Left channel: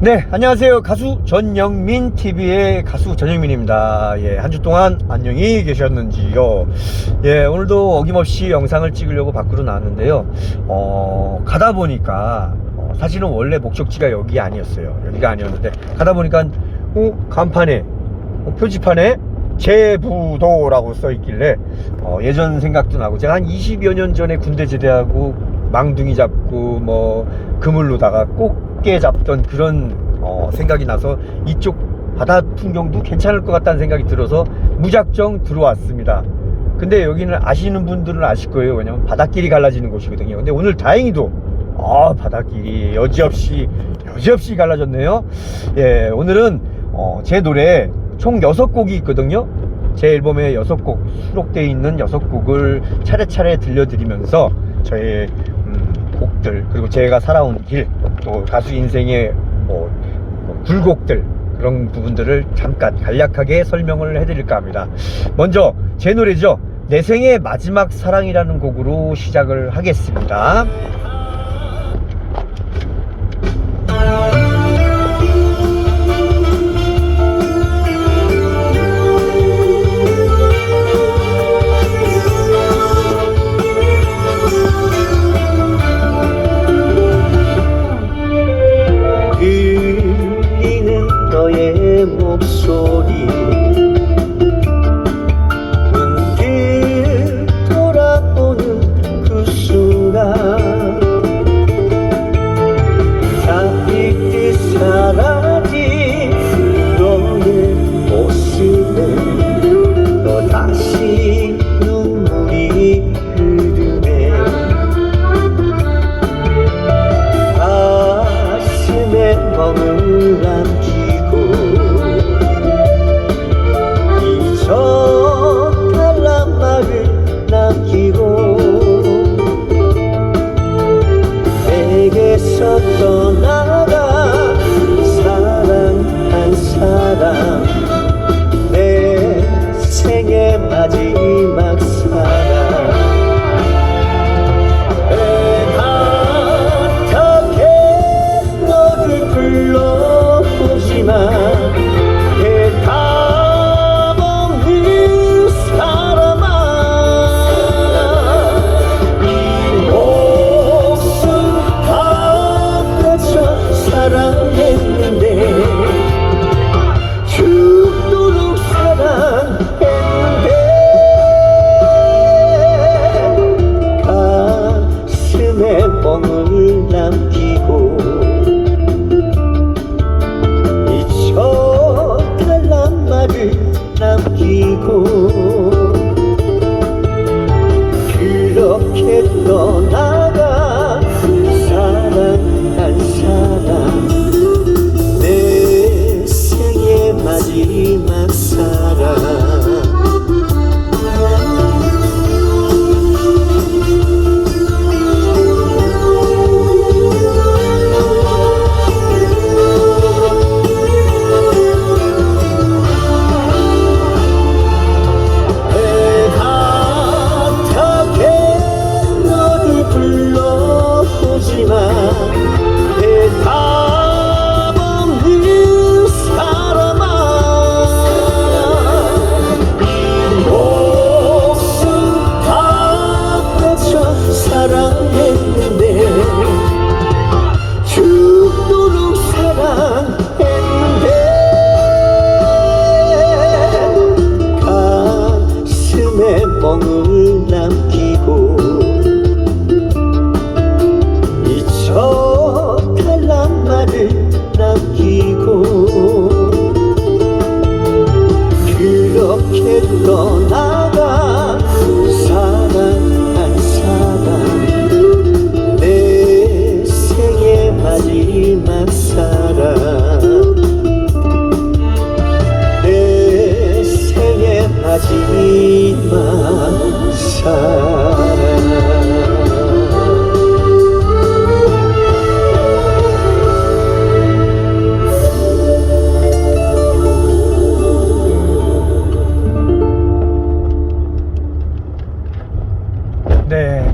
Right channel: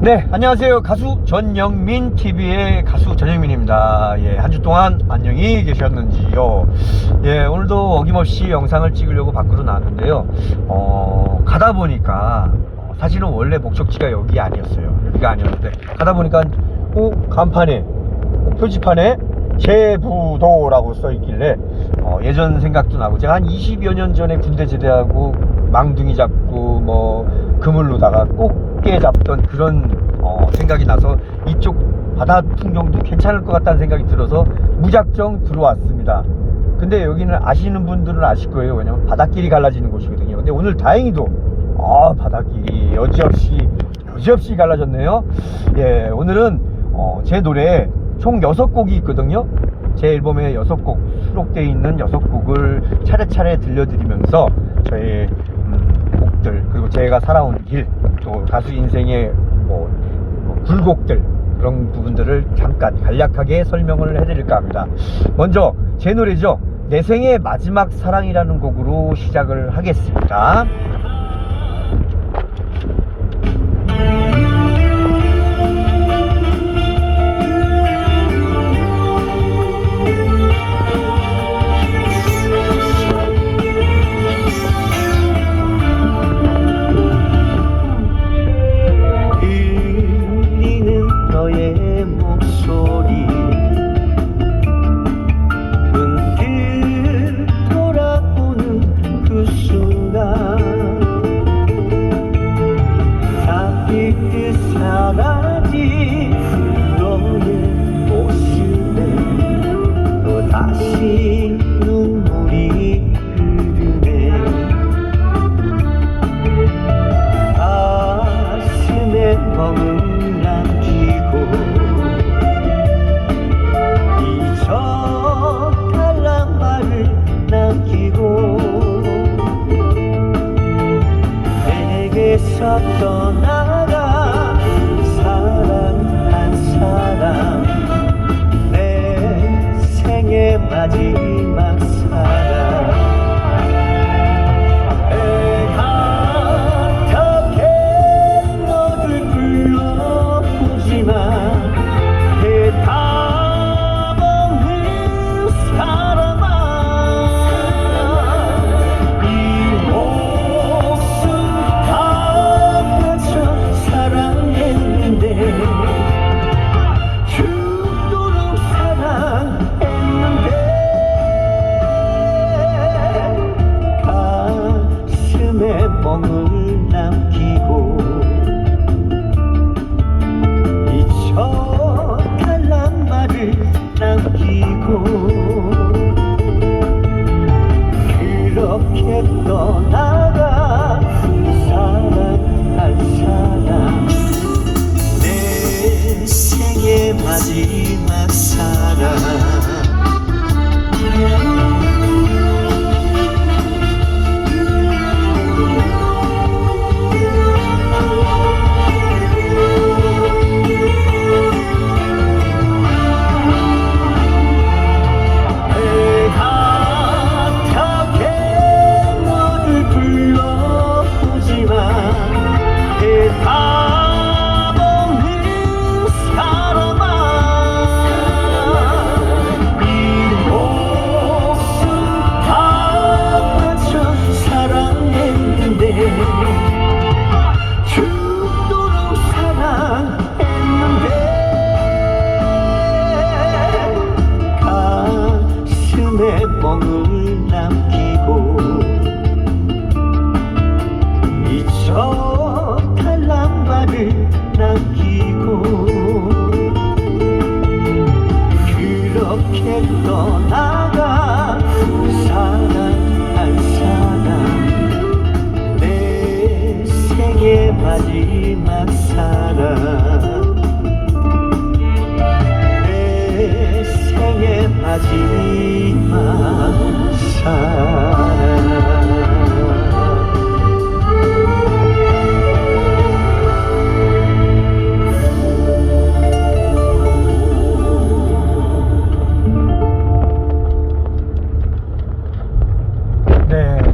네, 안녕하세요. 가수 전영민 TV의 가수 전영민입니다. 예, 한 주 동안 안녕히 계셨는지요? 예, 오늘도 어김없이 영상을 찍으려고 밖으로 나왔는데요. 가다 보니까 사실은 원래 목적지가 여기 아니었어요. 여기가 아니었는데 가다 보니까 간판에 표지판에 제부도라고 써 있길래 예전 생각도 나고, 제가 한 20여 년 전에 군대 제대하고 망둥이 잡고 뭐 그물로다가 꽃게 잡던 그런 생각이 나서 이쪽 바다 풍경도 괜찮을 것 같다는 생각이 들어서 무작정 들어왔습니다. 근데 여기는 아시는 분들은 아실 거예요. 왜냐면 바닷길이 갈라지는 곳이거든요. 근데 오늘 다행히도 바닷길이 여지없이 갈라졌네요. 예, 오늘은 제 노래 총 6곡이 있거든요. 제 앨범에 6곡 수록되어 있는 6곡을 차례차례 들려드리면서 저의 곡들, 그리고 제가 살아온 길, 또 가수 인생의 굴곡들, 그런 부분들을 잠깐 간략하게 설명을 해드릴까 합니다. 먼저 제 노래죠. 내 생의 마지막 사랑이라는 곡으로 시작을 하겠습니다.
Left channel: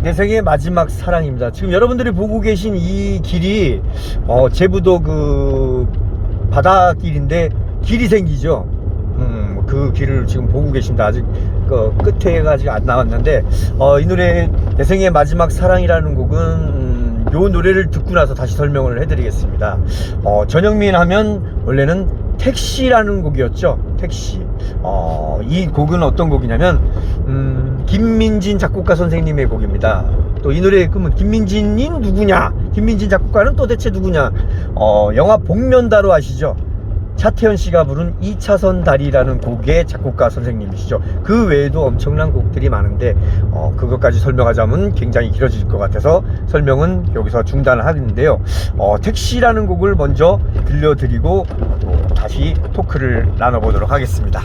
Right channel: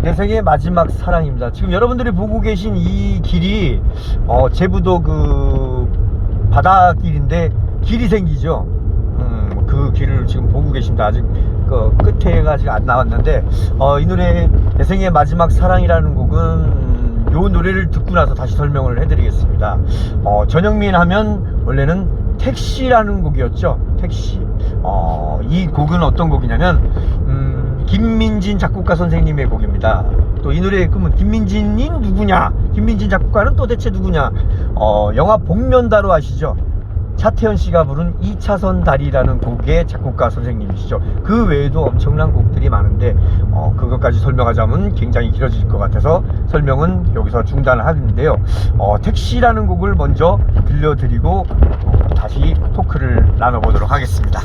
내 생의 마지막 사랑입니다. 지금 여러분들이 보고 계신 이 길이 제부도 그 바닷길인데 길이 생기죠. 그 길을 지금 보고 계십니다. 아직 그 끝에가 아직 안 나왔는데 이 노래 내 생의 마지막 사랑이라는 곡은 요 노래를 듣고 나서 다시 설명을 해드리겠습니다. 전영민 하면 원래는 택시라는 곡이었죠. 택시. 이 곡은 어떤 곡이냐면 김민진 작곡가 선생님의 곡입니다. 또 이 노래의 꿈은 김민진이 누구냐, 김민진 작곡가는 또 대체 누구냐. 영화 복면다로 아시죠? 차태현 씨가 부른 2차선 다리라는 곡의 작곡가 선생님이시죠. 그 외에도 엄청난 곡들이 많은데 그것까지 설명하자면 굉장히 길어질 것 같아서 설명은 여기서 중단을 하는데요. 택시라는 곡을 먼저 들려드리고 또 다시 토크를 나눠보도록 하겠습니다.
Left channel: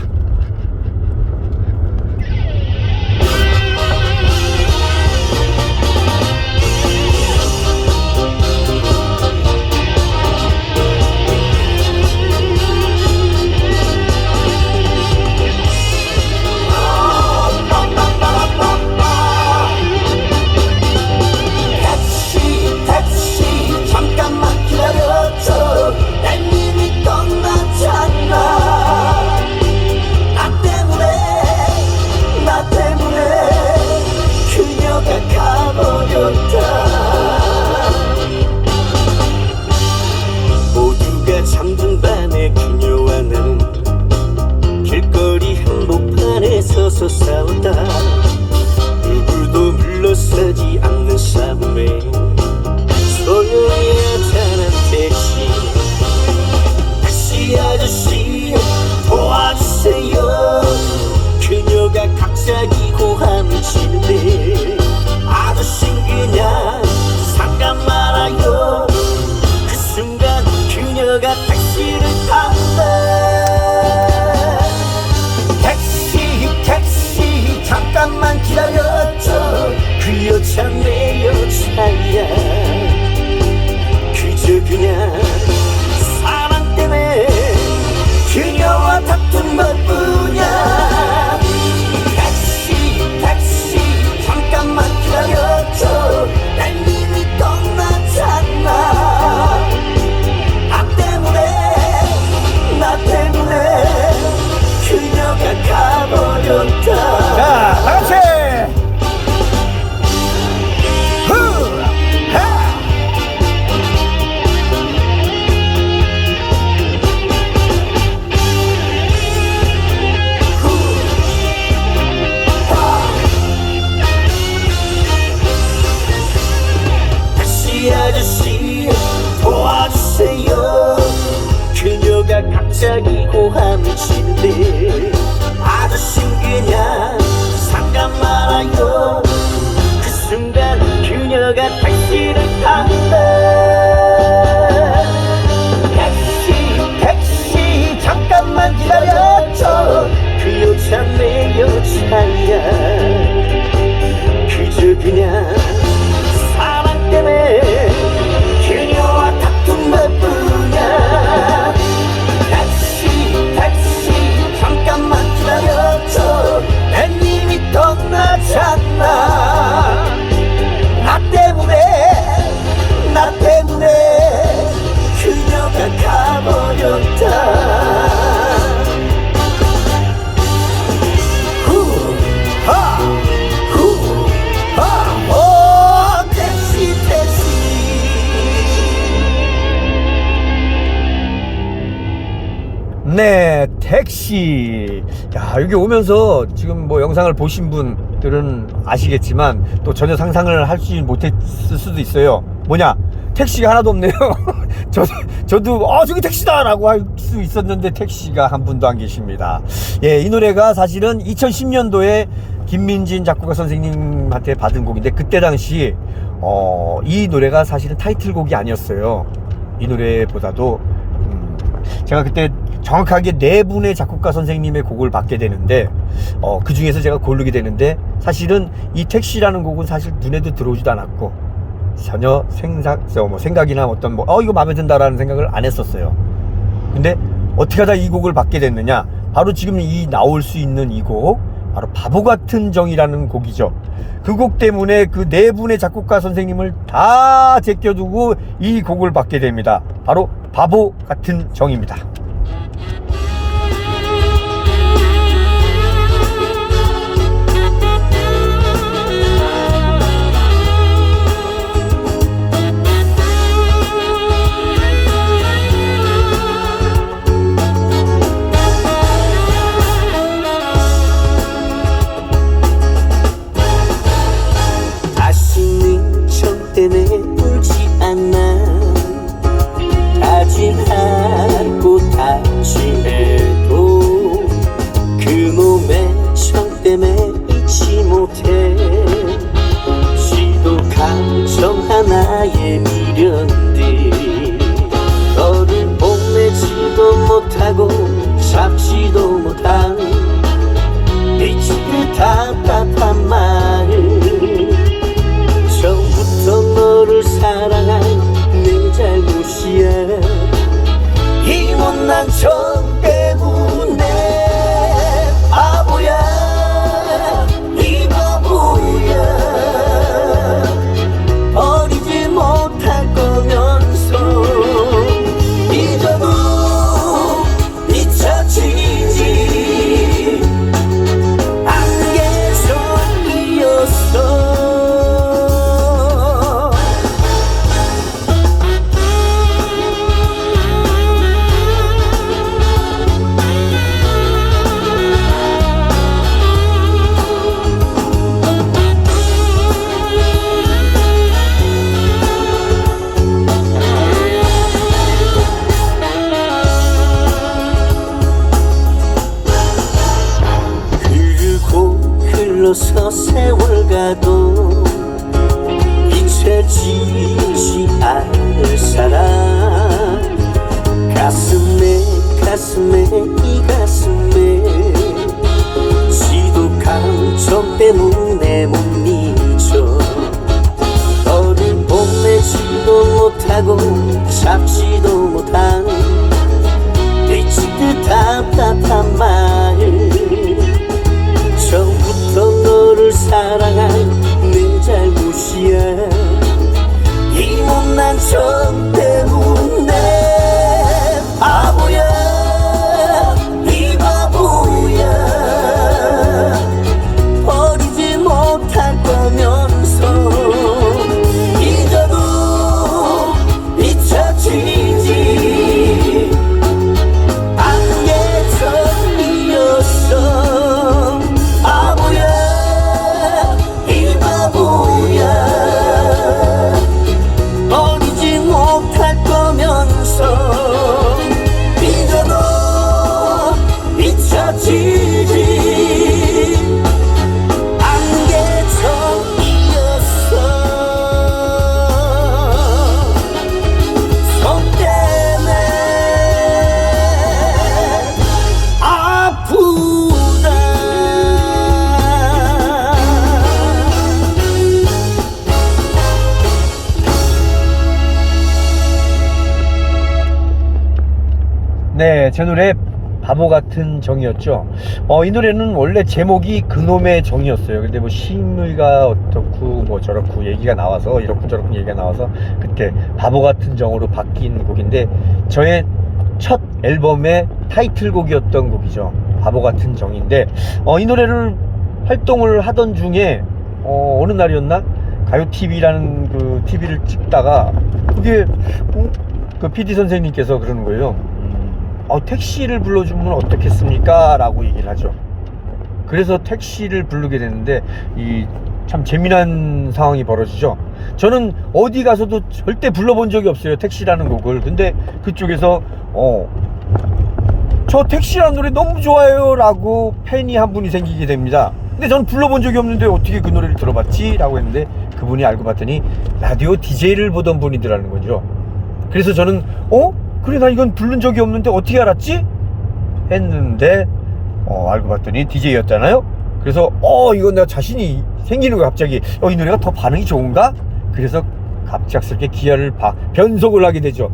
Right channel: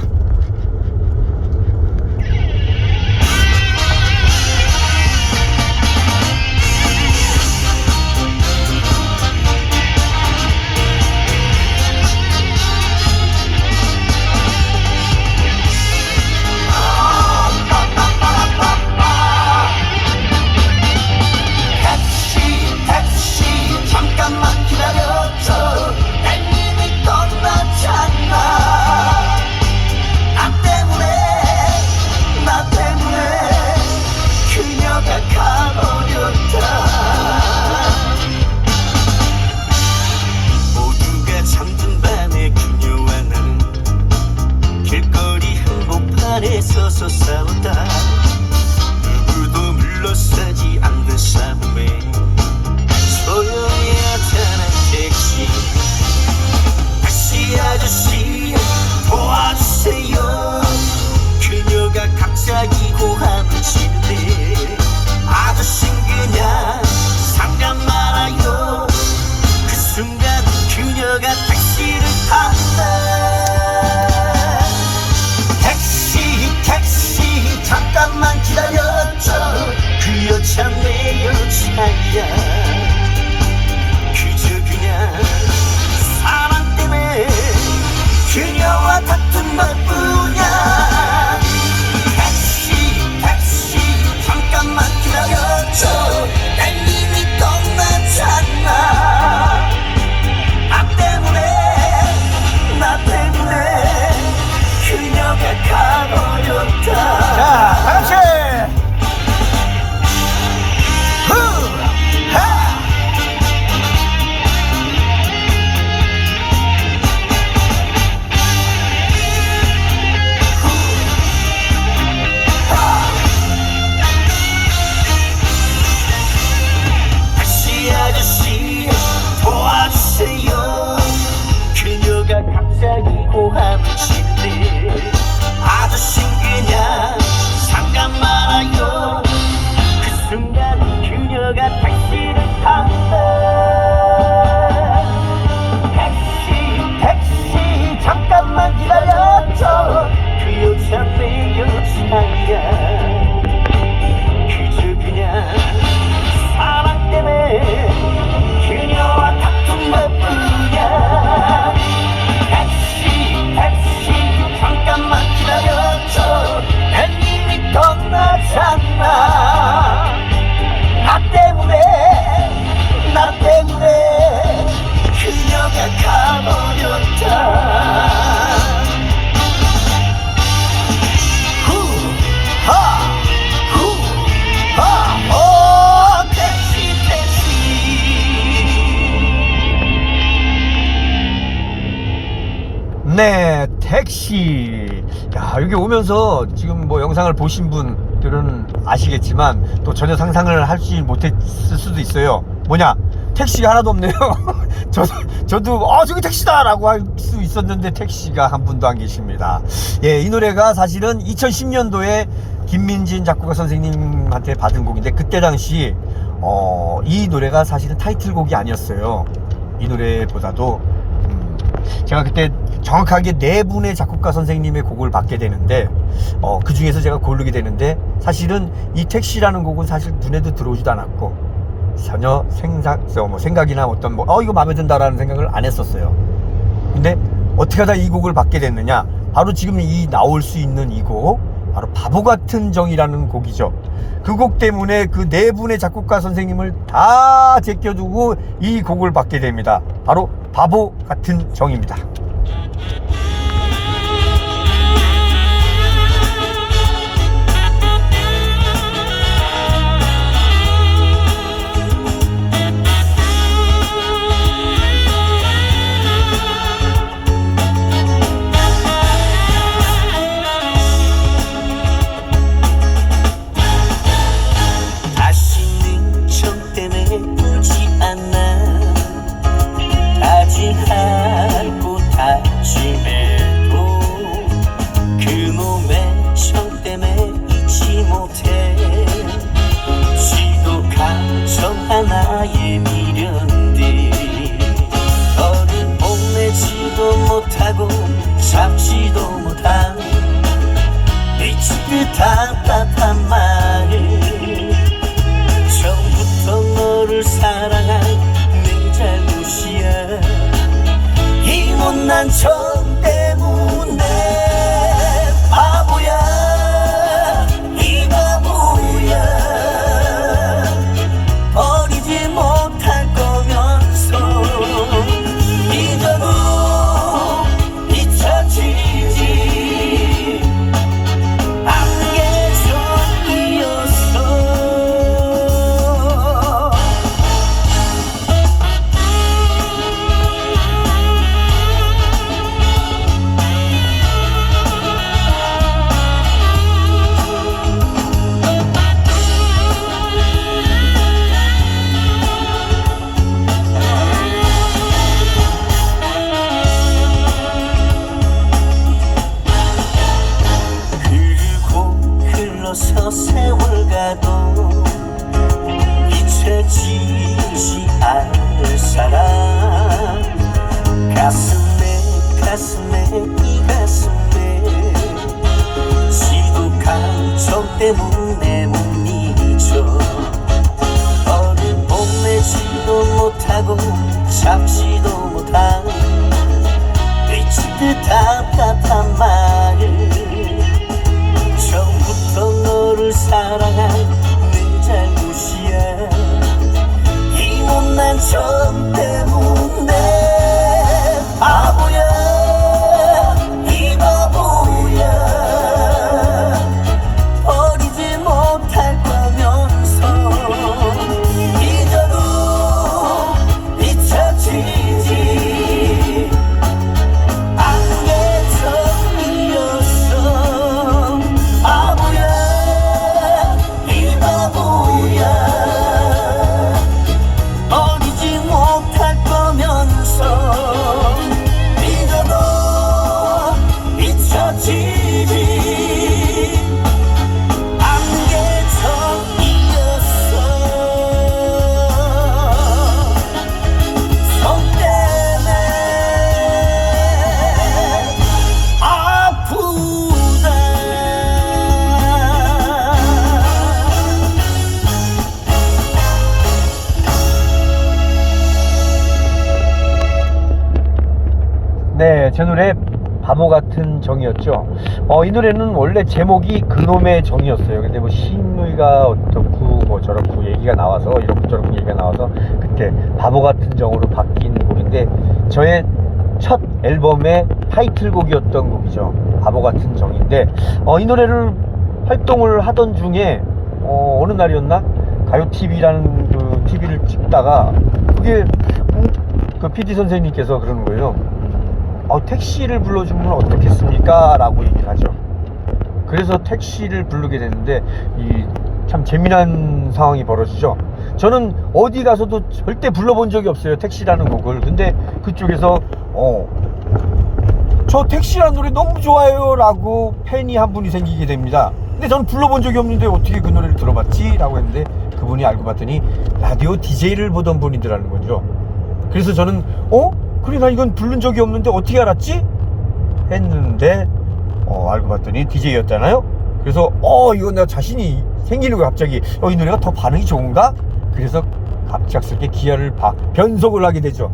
잠든 밤에 그녀와 나는 길거리 한복판에 서서 싸우다 누구도 물러서지 않는 싸움에 소녀의 아차한 택시 아저씨 도와주세요. 그녀가 갑자기 고함을 치는데 아저씨는 그냥 잠깐 말아요. 그 순간 그녀가 택시를 탄다. 택시 잠깐만 기다렸죠. 그 여자 내 여자야. 그저 그냥 사랑 때문에 그녀와 다툰 것뿐이야. 택시 잠깐만 기다렸죠. 난 이미 떠났잖아. 자, 같이 택시 아저씨 도와주세요. 그녀가 갑자기 고함을 치는데 아저씨는 그냥 잠깐 말아요. 그 순간 그녀가 택시를 탄다. 택시 잠깐만 기다렸죠. 그 여자 내 여자야. 그저 그냥 사랑 때문에 그녀와 다툰 것뿐이야. 택시 잠깐만 기다렸죠. 난 이미 떠났잖아. 나 때문에 그녀가 가버렸다. 네, 택시. 야, 여기 오면서 지금 뭐 영상을 보신 분들은 아시겠지만 또 전혀 상상을 하지 못했을 수도 있어요. 뭐냐? 택시가 하나도 없네요. 저도 저기 택시다 라고 할 수 있었는데 택시가 한 분도 안 계십니다. 예, 이 노래가 사실은 2010년도에 김민진 작곡가 선생님한테 받은 곡인데 그때 당시 이 노래가 사실은 타이틀곡이 아니었어요. 이 노래보다도 제가 그때 정확하게 4분의 작곡가 선생님의 곡을 받게 되는데 그 중에서 제가 고르게 되는데 사실은 이 택시라는 곡은 사실 눈에도 들어오지도 않았고 전혀 생각이나 어떤 이거 마음에 든다라는 생각을 안 했었어요. 근데 어떻게 하다 이 곡을 받게 됐느냐, 바로 지금 이 나올 수 있는 이 곡 바로 바보 같은 정이라는 곡이죠. 그 곡 때문에 그 네 분의 작곡가 선생님을 다 제껴두고 이 곡을 받게 됩니다. 바로 바보 같은 정입니다. 다시는 정 때문에 울지 않아. 다짐하고 다짐해도 그놈의 정 때문에 잊지 못해. 지도 감정 하나의 미련들 너를 뽐내지도 못하고 잡지도 못한 미치게 답답한 마음. 처음부터 너를 사랑한 내 잘못이야. 이 못난 정 때문에 바보야, 이 바보야. 버리지 못할 거면서 잊어도 잊혀지지 않는 게 정이었어. 흐르고 흘러서 세월 가도 잊혀지지 않을 사람. 가슴에 이 가슴에 지도 감정 때문에 못 잊어. 너를 뽐내지도 못하고 잡지도 못한 미칠 듯 답답한 마음. 처음부터 너를 사랑한 내 잘못이야. 이 못난 정 때문에 바보야, 이 바보야. 버리지 못할 거면서 잊어도 잊혀지지 않는 게 정이었어. 바보야, 이 바보야. 버리지 못할 거면서 잊어도 잊혀지지 않는 게 정이었어. 성 때문에 아프다. 네, 제 노래 바보 같은 정이었죠. 이 노래는 원래 제목이 그놈의 정이었어요. 근데 뭐 시인의가 어떻고 뭐 저렇고 얘기가 나와서 이렇고 저렇고 얘기가 나와서 그때 바보 같은 정으로 바뀐 곡인데 저의 첫 앨범의 타이틀곡이었던 곡이죠. 바보 같은 정인데 이 노래를 활동을 하던 중에 어느 날이었나 가요TV라는 그 TV를 찍다가 그게 그 PD 선생님께서 그러는 거예요. 택시를 불러주면 어떻겠습니까? 라고 얘기를 하죠. 그래서 택시를 부르게 됐는데 이 참 재미난 상황이 벌어지죠. 저는 어디 가서도 절대 불러본 적이 없어요, 택시라는 곡을. 근데 그쪽에서 저 택시라는 노래 너무 좋아요 라고 팬이 한 분이 생기게 됩니다. 근데 전 불러본 적이 없는데 어떻게 그 노래를 들어봤지? 라고 했는데 그분이 알고 봤더니 라디오 DJ를 보던 분이더라는 거죠. 그래서 저는 그래 나 이건 부른 적이 없는데 어떻게 알았지? 했는데 알고 봤더니 DJ였잖아요. 그래서 이건 내가 자신이 생기는 거야. 갑자기 이 노래가 더 반응이 좋은가? 그래서 갑작스럽게 기아를 변속을 하게 되죠.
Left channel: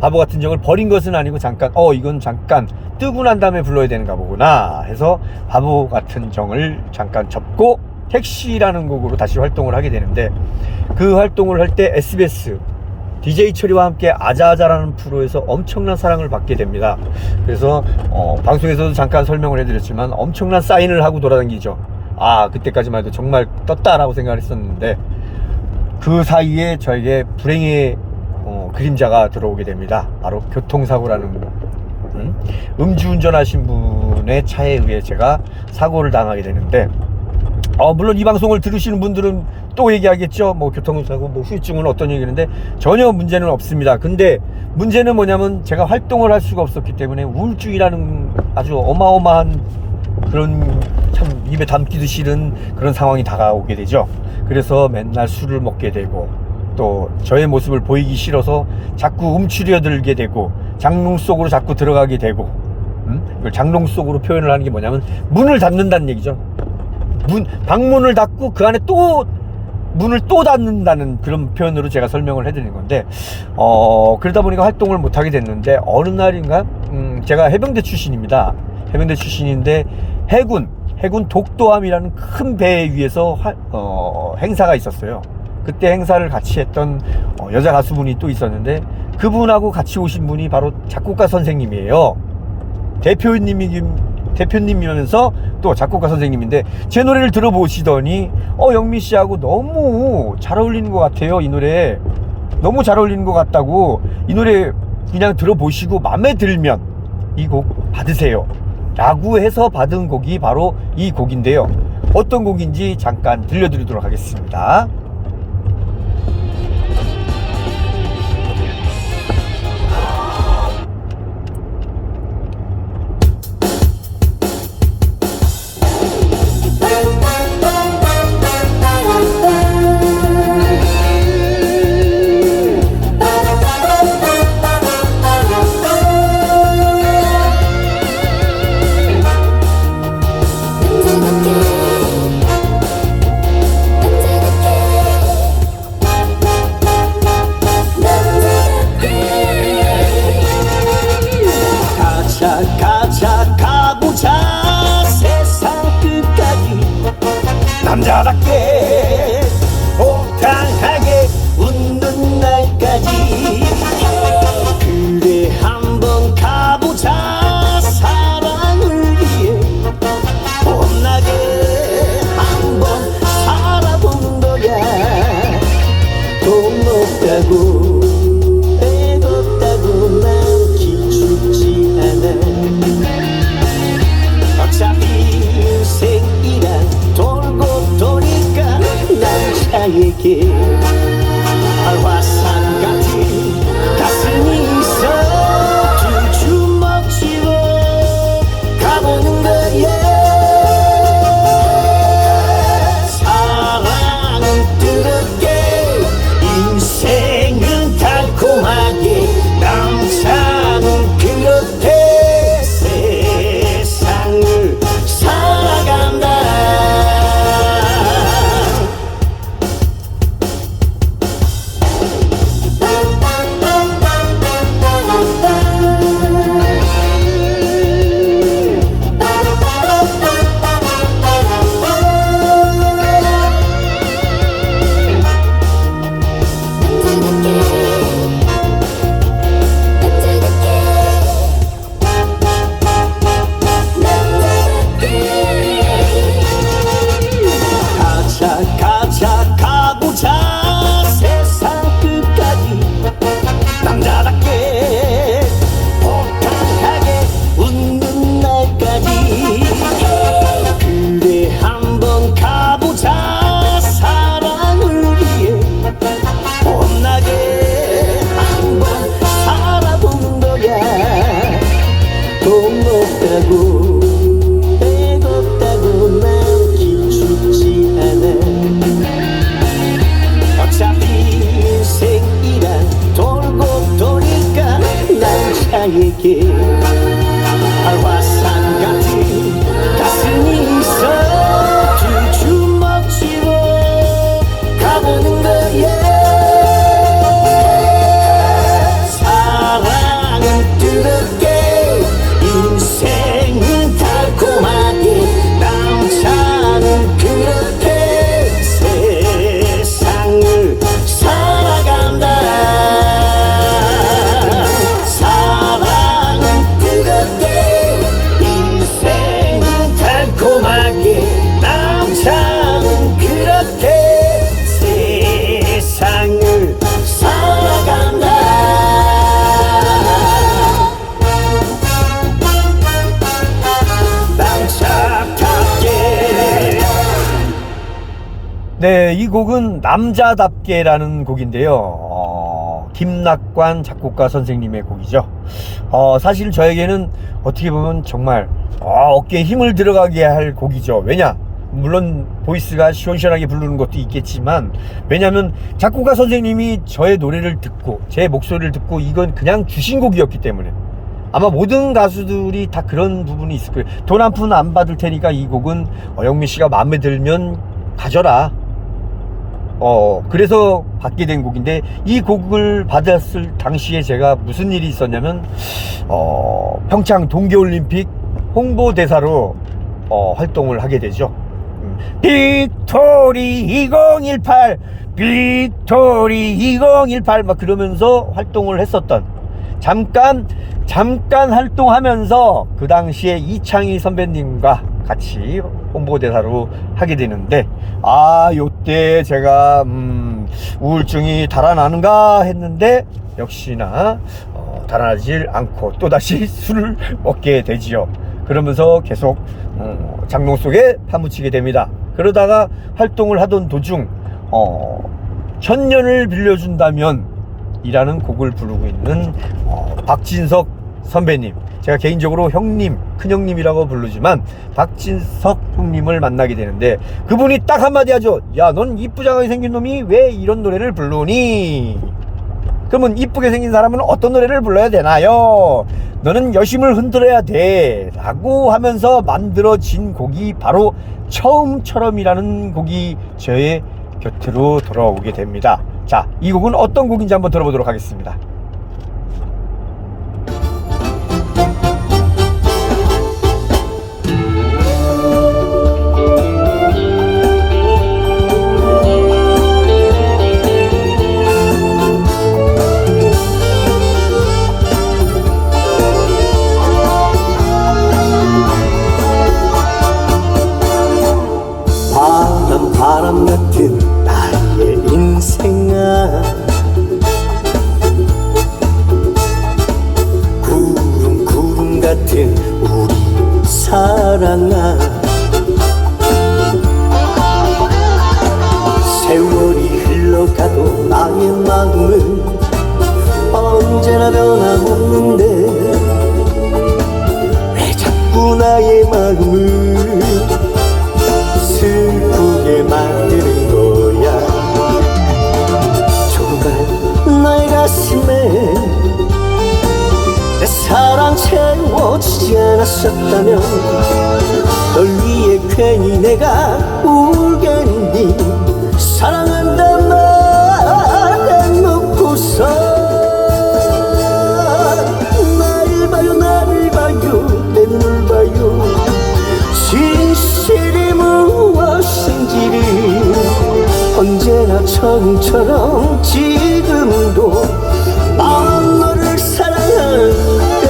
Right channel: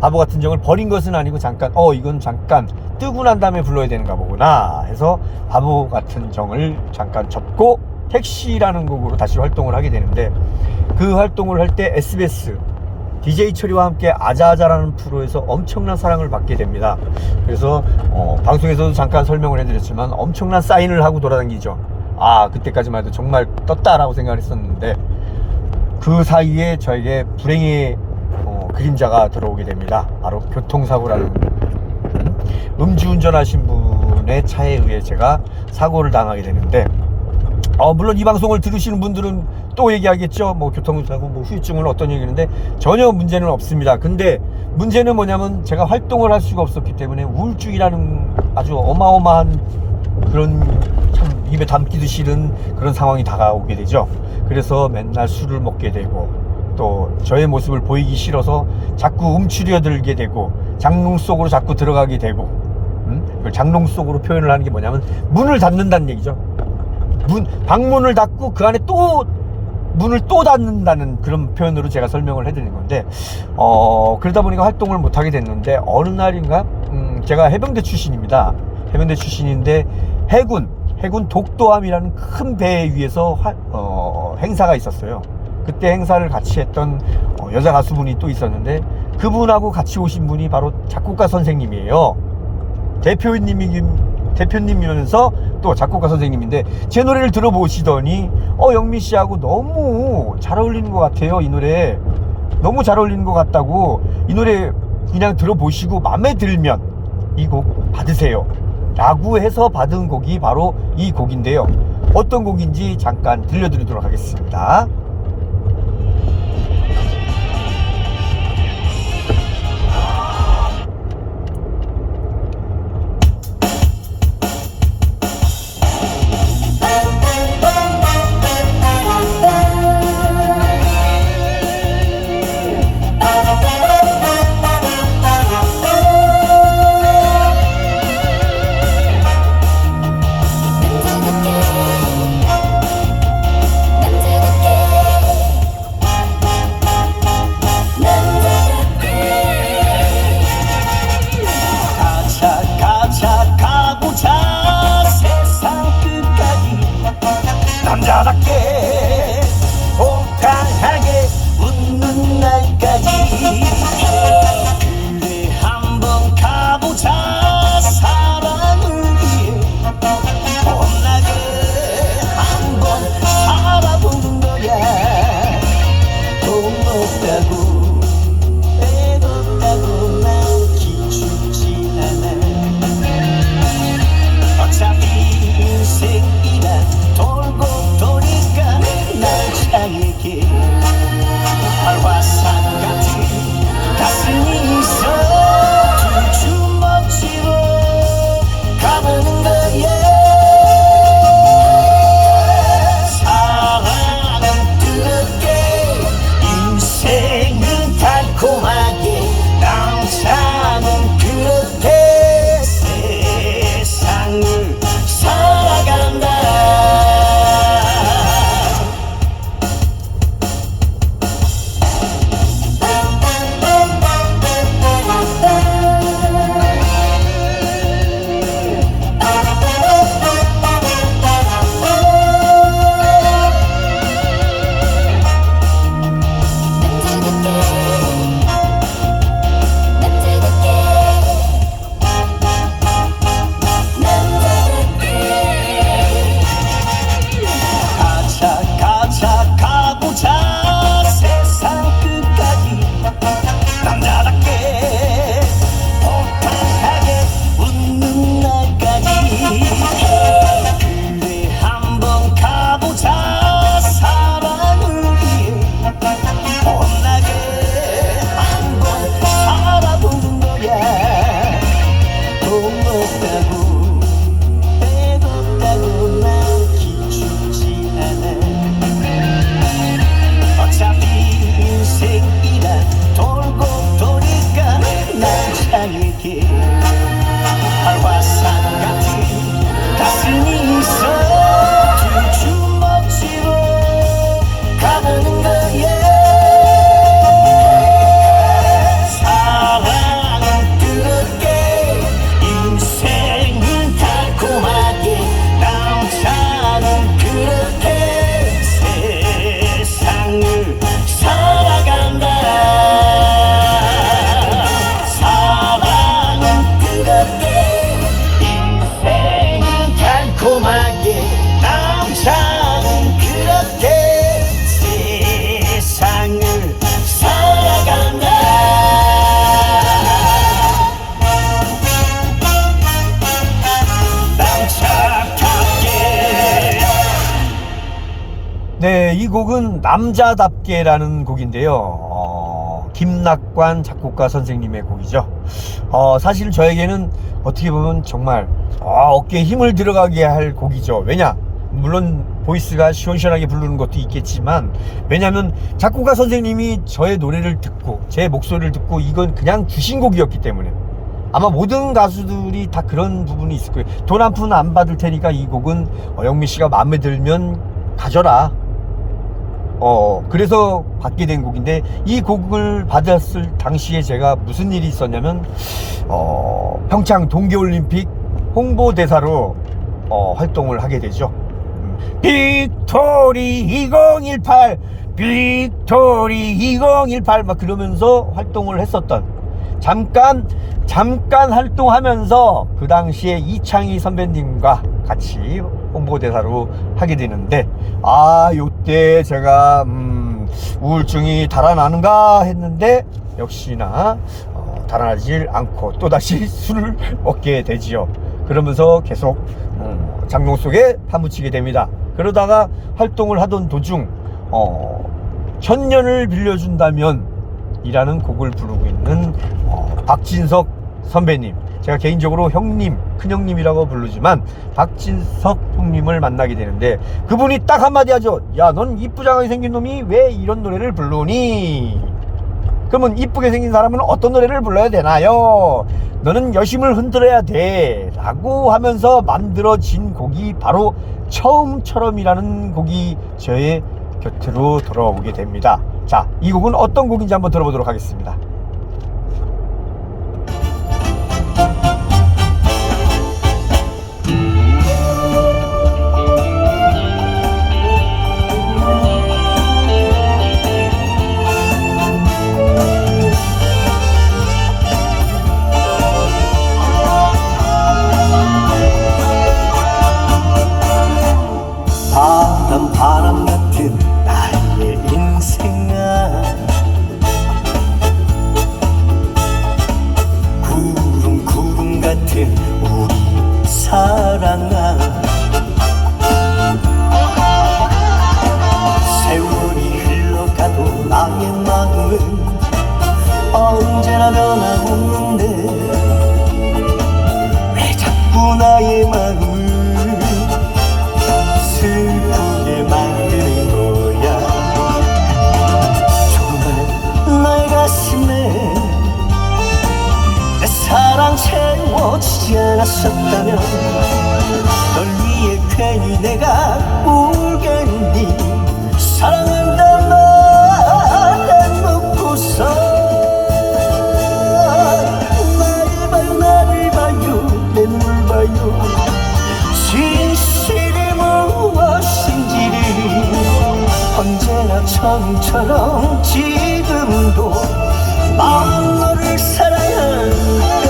바보 같은 정을 버린 것은 아니고 잠깐 이건 잠깐 뜨고 난 다음에 불러야 되는가 보구나 해서 바보 같은 정을 잠깐 접고 택시라는 곡으로 다시 활동을 하게 되는데, 그 활동을 할 때 SBS DJ 철이와 함께 아자아자라는 프로에서 엄청난 사랑을 받게 됩니다. 그래서 방송에서도 잠깐 설명을 해드렸지만 엄청난 사인을 하고 돌아다니죠. 그때까지만 해도 정말 떴다라고 생각을 했었는데, 그 사이에 저에게 불행의 그림자가 들어오게 됩니다. 바로 교통사고라는 음주운전하신 분의 차에 의해 제가 사고를 당하게 되는데, 물론 이 방송을 들으시는 분들은 또 얘기하겠죠. 뭐 교통사고, 뭐 후유증은 어떤 얘기인데 전혀 문제는 없습니다. 근데 문제는 뭐냐면 제가 활동을 할 수가 없었기 때문에 우울증이라는 아주 어마어마한 그런 참 입에 담기도 싫은 그런 상황이 다가오게 되죠. 그래서 맨날 술을 먹게 되고, 또 저의 모습을 보이기 싫어서 자꾸 움츠려들게 되고, 장롱 속으로 자꾸 들어가게 되고, 이걸 장롱 속으로 표현을 하는 게 뭐냐면 문을 닫는다는 얘기죠. 방문을 닫고 그 안에 또 문을 또 닫는다는 그런 표현으로 제가 설명을 해드린 건데, 그러다 보니까 활동을 못하게 됐는데, 어느 날인가 제가 해병대 출신입니다. 해병대 출신인데 해군 독도함이라는 큰 배 위에서 행사가 있었어요. 그때 행사를 같이 했던 여자 가수분이 또 있었는데, 그분하고 같이 오신 분이 바로 작곡가 선생님이에요. 대표님이면서 또 작곡가 선생님인데, 제 노래를 들어보시더니 영민 씨하고 너무 잘 어울리는 것 같아요. 이 노래 너무 잘 어울리는 것 같다고, 이 노래 그냥 들어보시고 마음에 들면 이 곡 받으세요 라고 해서 받은 곡이 바로 이 곡인데요. 어떤 곡인지 잠깐 들려드리도록 하겠습니다. 남자답게 호탕하게 웃는 날까지, 그래 한번 가보자. 사랑을 위해 못나게 한번 살아본 거야. 돈 없다고 백 없다고 난 기죽지 않아. 어차피 인생이란 돌고 도니까 날 향해게 화산 같은 가슴이 있어. 두 주먹치고 가보는 거야. 사랑은 뜨겁게, 인생은 달콤하게, 남자는 그렇게 세상을 살아간다. 가자 가보자. 세상 끝까지 남자답게 호탕하게 웃는 날까지, 그래 한번 가보자. 사랑을 위해 못나게 한번 살아본 거야. 돈 없다고 백 없다고 난 기죽지 않아. 어차피 인생이란 돌고 도니까 날 향해게 화산 같은 가슴이 있어. 두 주먹치고 가보는 거야. 사랑 네, 이 곡은 남자답게라는 곡인데요. 김낙관 작곡가 선생님의 곡이죠. 사실 저에게는 어떻게 보면 정말 어깨에 힘을 들어가게 할 곡이죠. 왜냐? 물론 보이스가 시원시원하게 부르는 것도 있겠지만, 왜냐면 작곡가 선생님이 저의 노래를 듣고 제 목소리를 듣고 이건 그냥 주신 곡이었기 때문에, 아마 모든 가수들이 다 그런 부분이 있을 거예요. 돈 한 푼 안 받을 테니까 이 곡은 영민 씨가 마음에 들면 가져라. 그래서 받게 된 곡인데, 이 곡을 받았을 당시에 제가 무슨 일이 있었냐면, 평창 동계올림픽 홍보대사로 활동을 하게 되죠. 빅토리 2018 빅토리 2018 막 그러면서 활동을 했었던, 잠깐 활동하면서 그 당시에 이창희 선배님과 같이 홍보대사로 하게 되는데, 요때 제가 우울증이 달아나는가 했는데 역시나 달아나질 않고 또다시 술을 먹게 되지요. 그러면서 계속 장롱 속에 파묻히게 됩니다. 그러다가 활동을 하던 도중 천년을 빌려준다면 이라는 곡을 부르고 있는 박진석 선배님, 제가 개인적으로 형님, 큰형님이라고 부르지만 박진석 형님을 만나게 되는데, 그분이 딱 한마디 하죠. 야, 넌 이쁘장하게 생긴 놈이 왜 이런 노래를 부르니? 그러면 이쁘게 생긴 사람은 어떤 노래를 불러야 되나요? 너는 여심을 흔들어야 돼 라고 하면서 만들어진 곡이 바로 처음처럼이라는 곡이 저의 곁으로 돌아오게 됩니다. 자, 이 곡은 어떤 곡인지 한번 들어보도록 하겠습니다. 바람 같은 나의 인생아, 구름 같은 우리 사랑아, 세월이 흘러가도 나의 마음은 언제나 변함없는데, 왜 자꾸 나의 마음을 슬프게 만드는 거야. 조금만 나의 가슴에 내 사랑 채워지지 않았었다면, 널 위해 괜히 내가 울겠니? 사랑한단 말 해놓고서 나를 봐요, 나를 봐요, 내 눈을 봐요. 진실이 무엇인지를 언제나 처음처럼 지금도 난 너를 사랑하는데.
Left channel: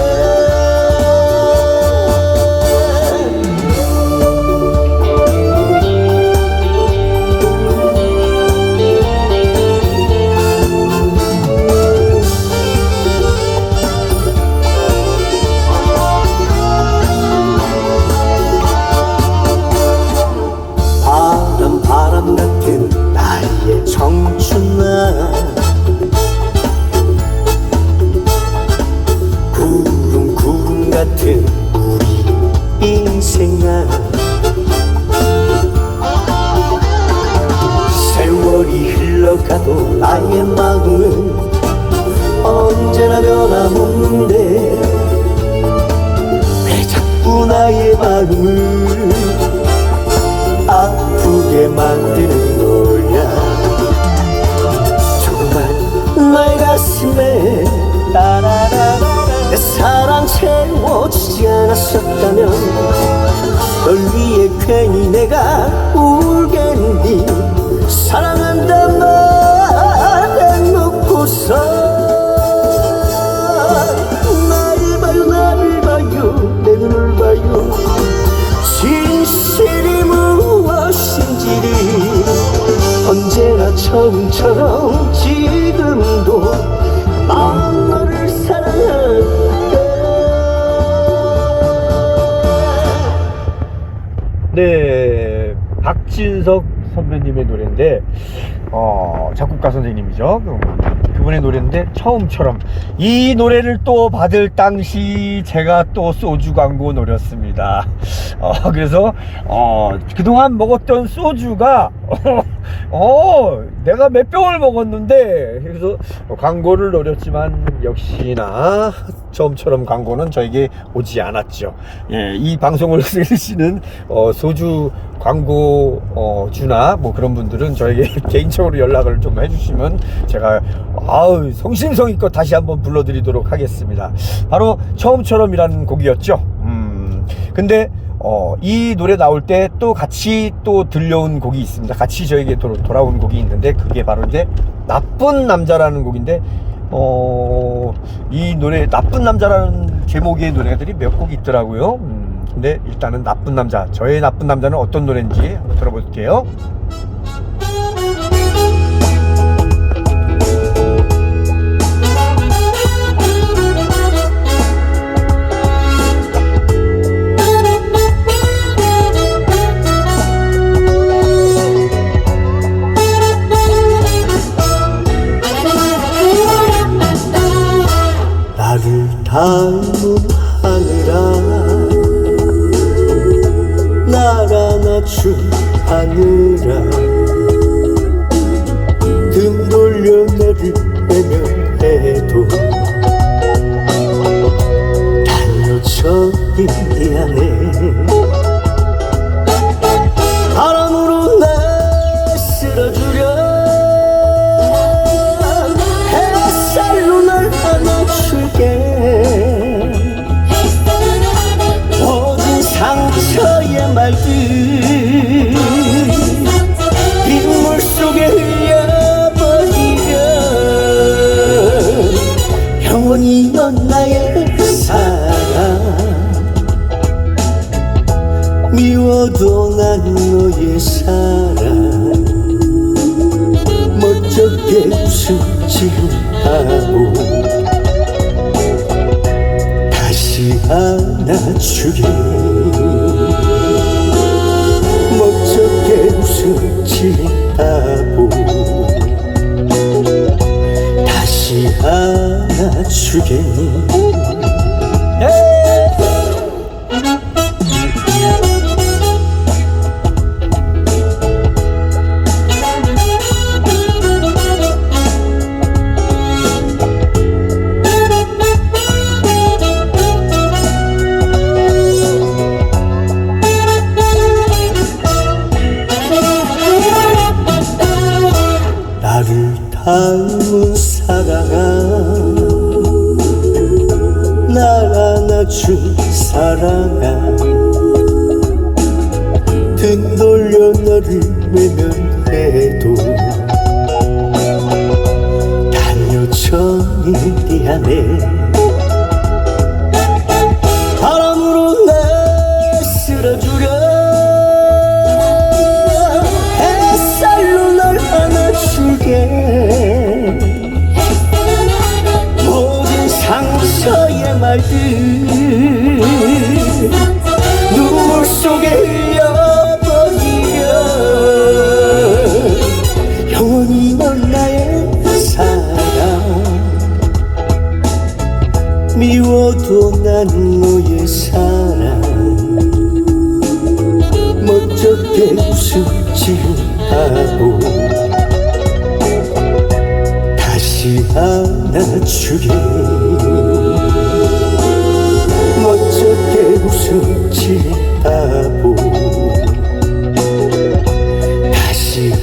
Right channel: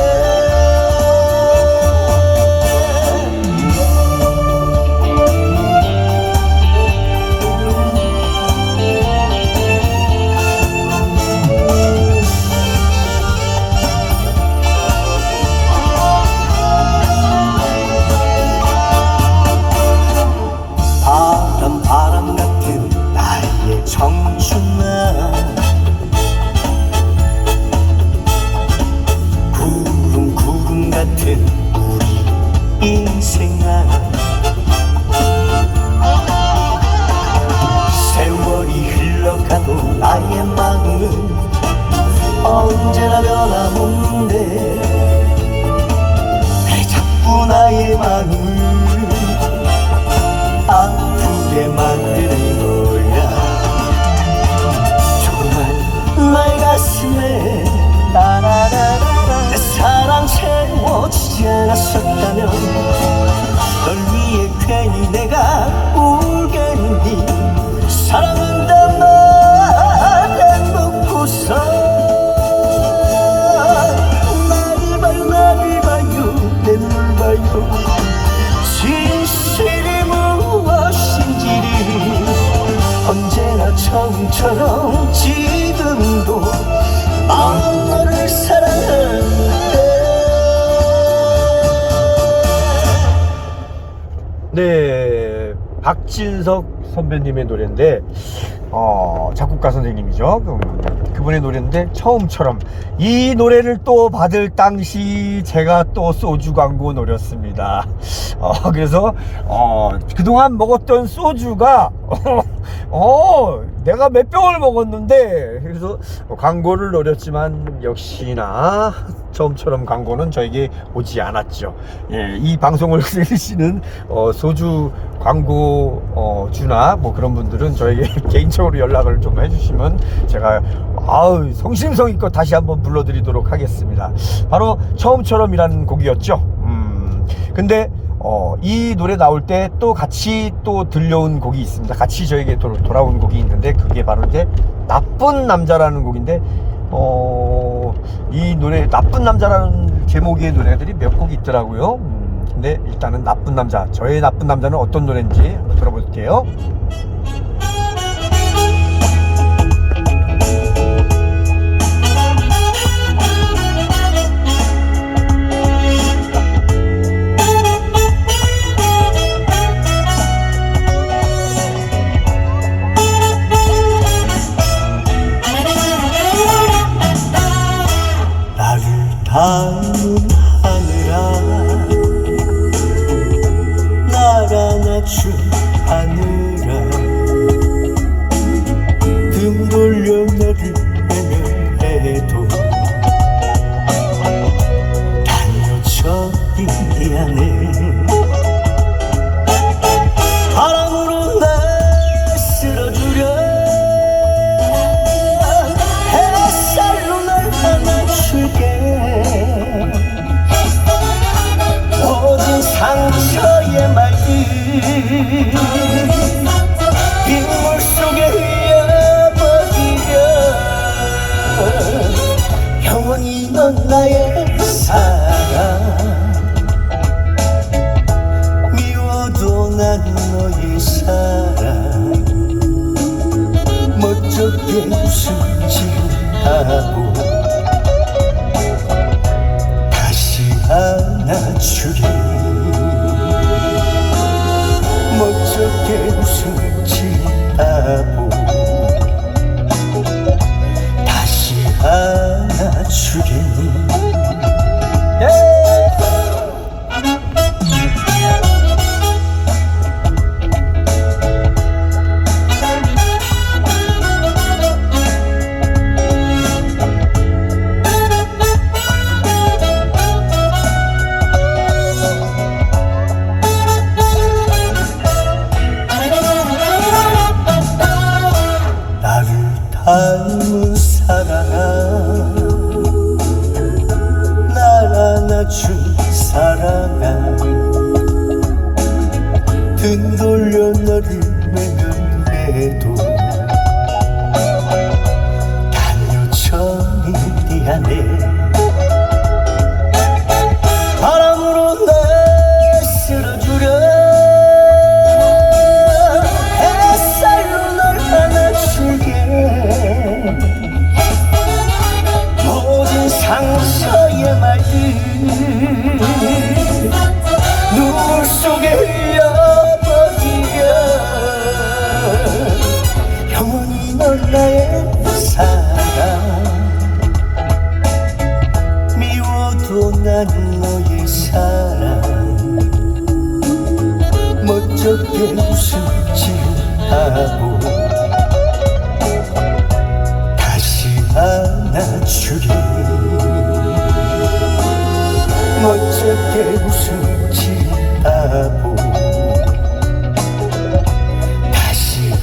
바람 같은 나의 청춘아, 구름 같은 우리 인생아, 세월이 흘러가도 나의 마음은 언제나 변함없는데, 왜 자꾸 나의 마음을 아프게 만드는 거야. 조금만 나의 가슴에 내 사랑 채워지지 않았었다면, 널 위해 괜히 내가 울겠니? 사랑한단 말 해놓고서 나를 봐요, 나를 봐요, 내 눈을 봐요. 진실이 무엇인지를 언제나 처음처럼 지금도 난 너를 사랑하는데. 네, 박진석 선배님의 노래인데 작곡가 선생님이죠. 그분의 노래인데 처음처럼. 이 노래를 또 받을 당시 제가 또 소주 광고 노렸습니다. 그래서 그동안 먹었던 소주가 내가 몇 병을 먹었는데, 그래서 광고를 노렸지만 역시나 처음처럼 광고는 저에게 오지 않았죠. 예, 이 방송을 들으시는 소주 광고 주나 뭐 그런 분들은 저에게 개인적으로 연락을 좀 해주시면 제가 성심성의껏 다시 한번 불러드리도록 하겠습니다. 바로 처음처럼이라는 곡이었죠. 근데 이 노래 나올 때 또 같이 또 들려온 곡이 있습니다. 같이 저에게 돌아온 곡이 있는데, 그게 바로 이제 나쁜 남자라는 곡인데, 이 노래 나쁜 남자라는 제목의 노래들이 몇 곡 있더라고요. 근데 일단은 나쁜 남자, 저의 나쁜 남자는 어떤 노래인지 한번 들어볼게요. 닮은 하늘아, 나라 낮춘 하늘아, 등 돌려 나를 외면해도 달려쳐 인디안에 바람으로 날 쓸어주려 햇살로 날 안아줄게. 나의 사랑, 미워도 난 너의 사랑, 멋쩍게 웃음지 하고 다시 안아주게. 멋쩍게 웃음지 하고 다시 안아주게. 나를 닮은 사랑아, 날 안아준 사랑아, 등 돌려 너를 외면해도 달려쳐 인디안에 바람으로 날 쓸어주려 햇살로 날 안아줄게. 모든 상처의 말들 눈물 속에 흘려버리려 영원히 넌 나의 사랑, 미워도 난 너의 사랑, 멋쩍게 웃음지 하고 다시 안아주게. 멋쩍게 웃음지 하고 다시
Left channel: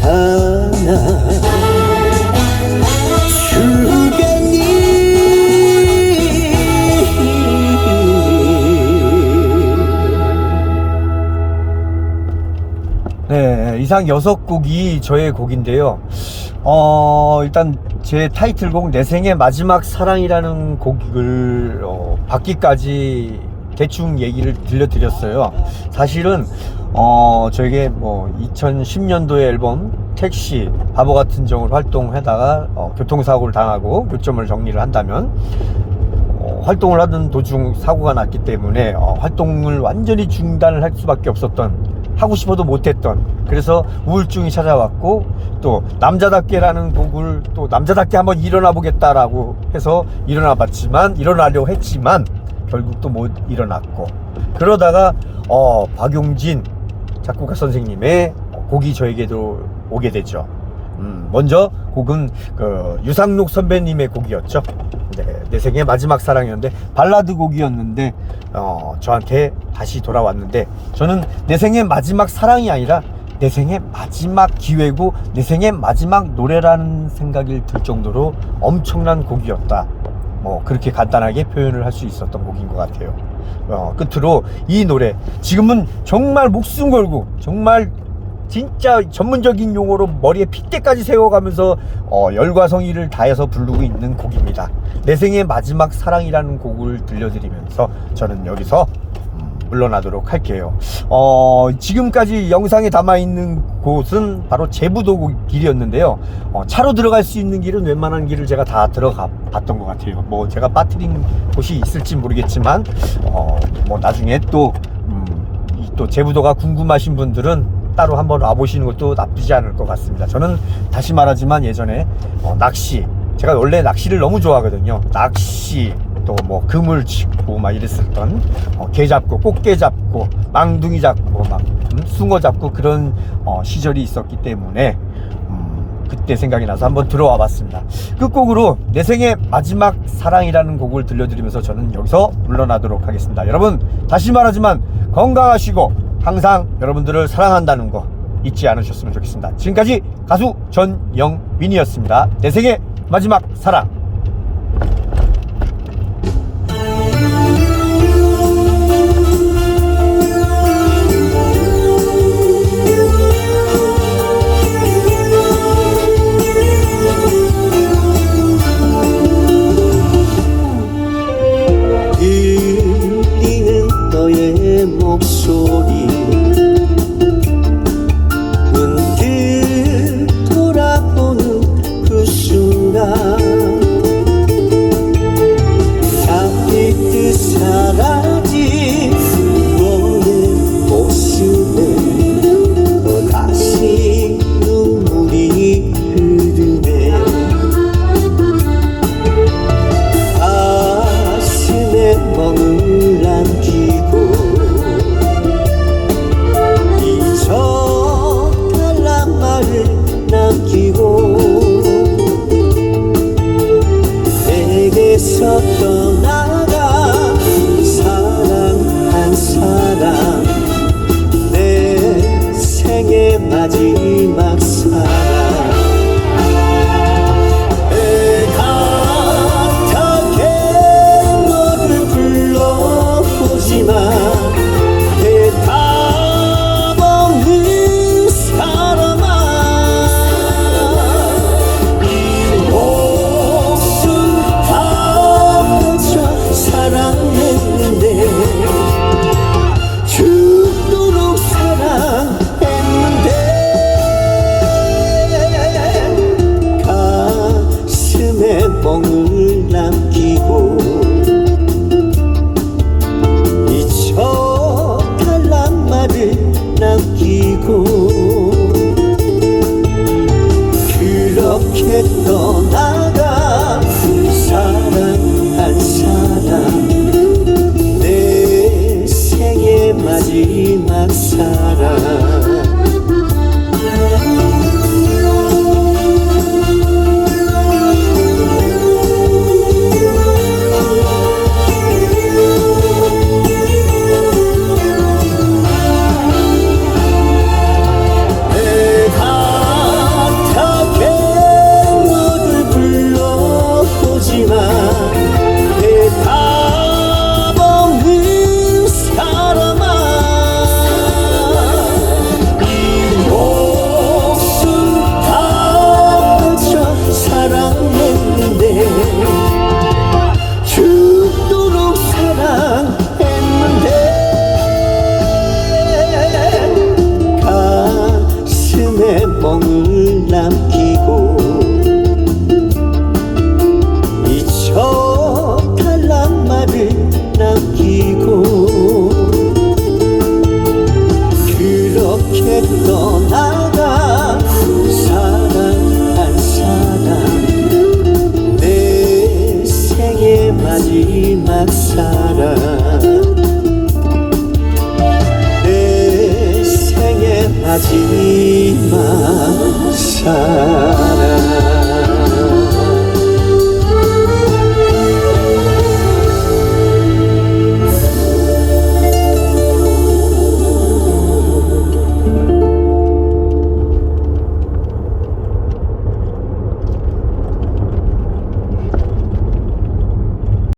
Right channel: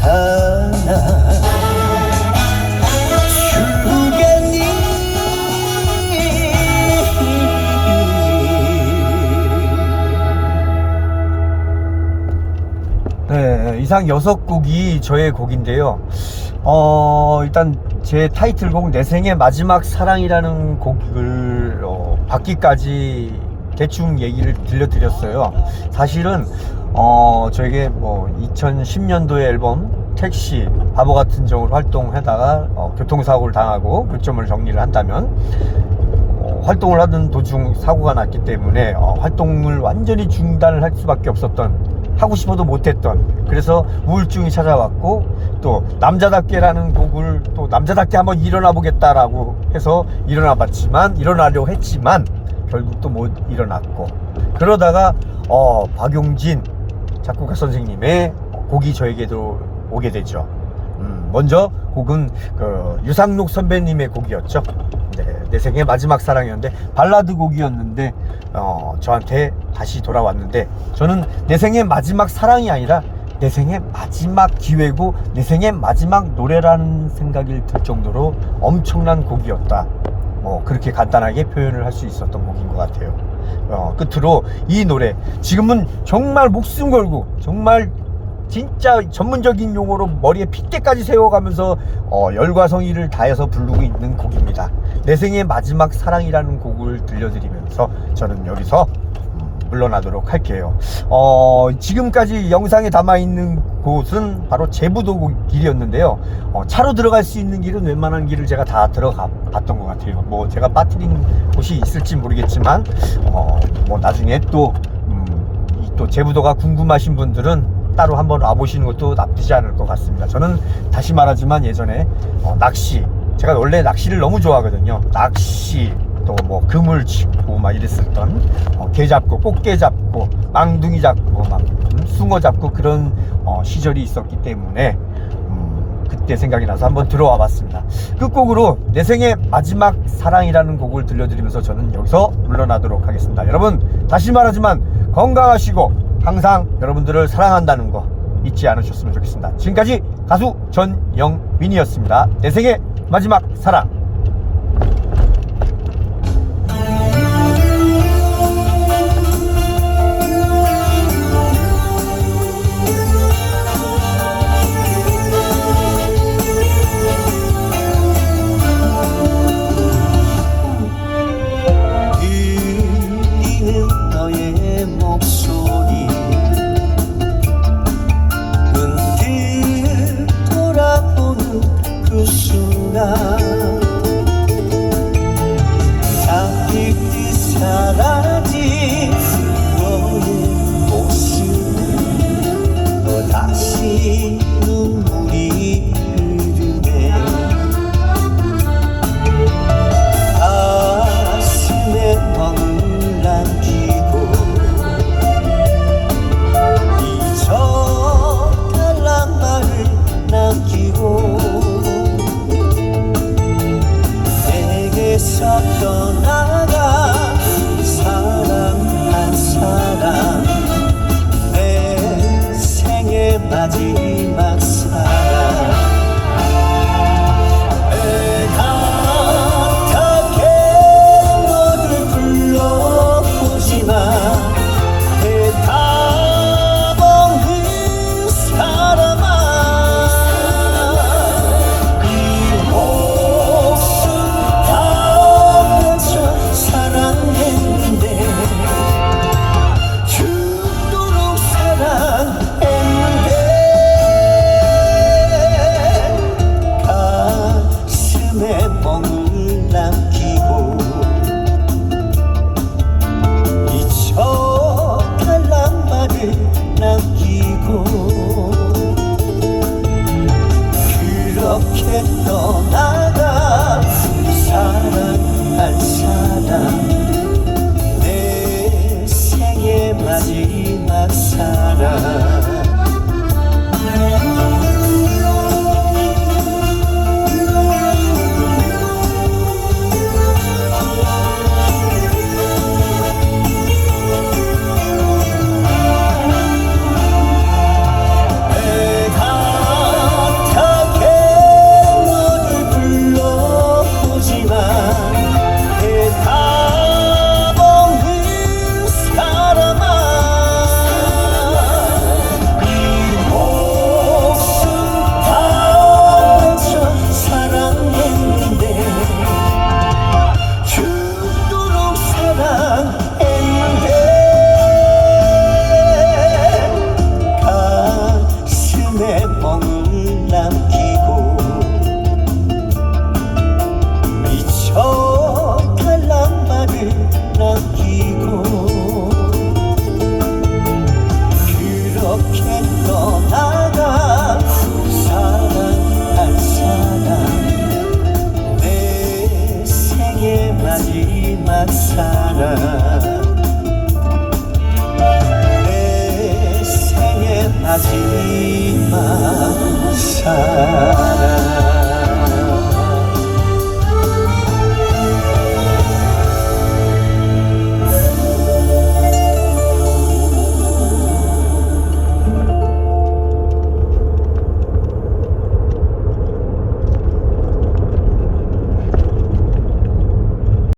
네, 이상 6곡이 저의 곡인데요. 일단 제 타이틀곡 내 생의 마지막 사랑이라는 곡을 받기까지 대충 얘기를 들려드렸어요. 사실은 저에게 2010년도에 앨범 택시 바보 같은 정을 활동하다가 교통사고를 당하고 교점을 정리를 한다면 활동을 하던 도중 사고가 났기 때문에 활동을 완전히 중단을 할 수밖에 없었던, 하고 싶어도 못했던, 그래서 우울증이 찾아왔고, 또 남자답게라는 곡을 또 남자답게 한번 일어나 보겠다라고 해서 일어나려고 했지만 결국 또 못 일어났고, 그러다가 박용진 작곡가 선생님의 곡이 저에게도 오게 되죠. 먼저 곡은 그 유상록 선배님의 곡이었죠. 네, 내 생의 마지막 사랑이었는데, 발라드 곡이었는데 저한테 다시 돌아왔는데, 저는 내 생의 마지막 사랑이 아니라 내 생의 마지막 기회고 내 생의 마지막 노래라는 생각이 들 정도로 엄청난 곡이었다. 그렇게 간단하게 표현을 할 수 있었던 곡인 것 같아요. 끝으로 이 노래, 지금은 정말 목숨 걸고 정말 진짜 전문적인 용어로 머리에 핏대까지 세워가면서 열과 성의를 다해서 부르고 있는 곡입니다. 내 생의 마지막 사랑이라는 곡을 들려드리면서 저는 여기서 물러나도록 할게요. 지금까지 영상에 담아있는 곳은 바로 제부도 길이었는데요. 차로 들어갈 수 있는 길은 웬만한 길을 제가 다 들어가 봤던 것 같아요. 뭐 제가 빠뜨린 곳이 있을지 모르겠지만 뭐 나중에 또 제부도가 궁금하신 분들은 따로 한번 와보시는 것도 나쁘지 않을 것 같습니다. 저는 다시 말하지만 예전에 낚시, 제가 원래 낚시를 너무 좋아하거든요. 낚시, 또 뭐 그물 치고 막 이랬었던, 게 잡고 꽃게 잡고 망둥이 잡고 막 숭어 잡고 그런 시절이 있었기 때문에 그때 생각이 나서 한번 들어와 봤습니다. 끝곡으로 내 생의 마지막 사랑이라는 곡을 들려드리면서 저는 여기서 물러나도록 하겠습니다. 여러분, 다시 말하지만 건강하시고 항상 여러분들을 사랑한다는 거 잊지 않으셨으면 좋겠습니다. 지금까지 가수 전영민이었습니다. 내 생의 마지막 사랑. 사랑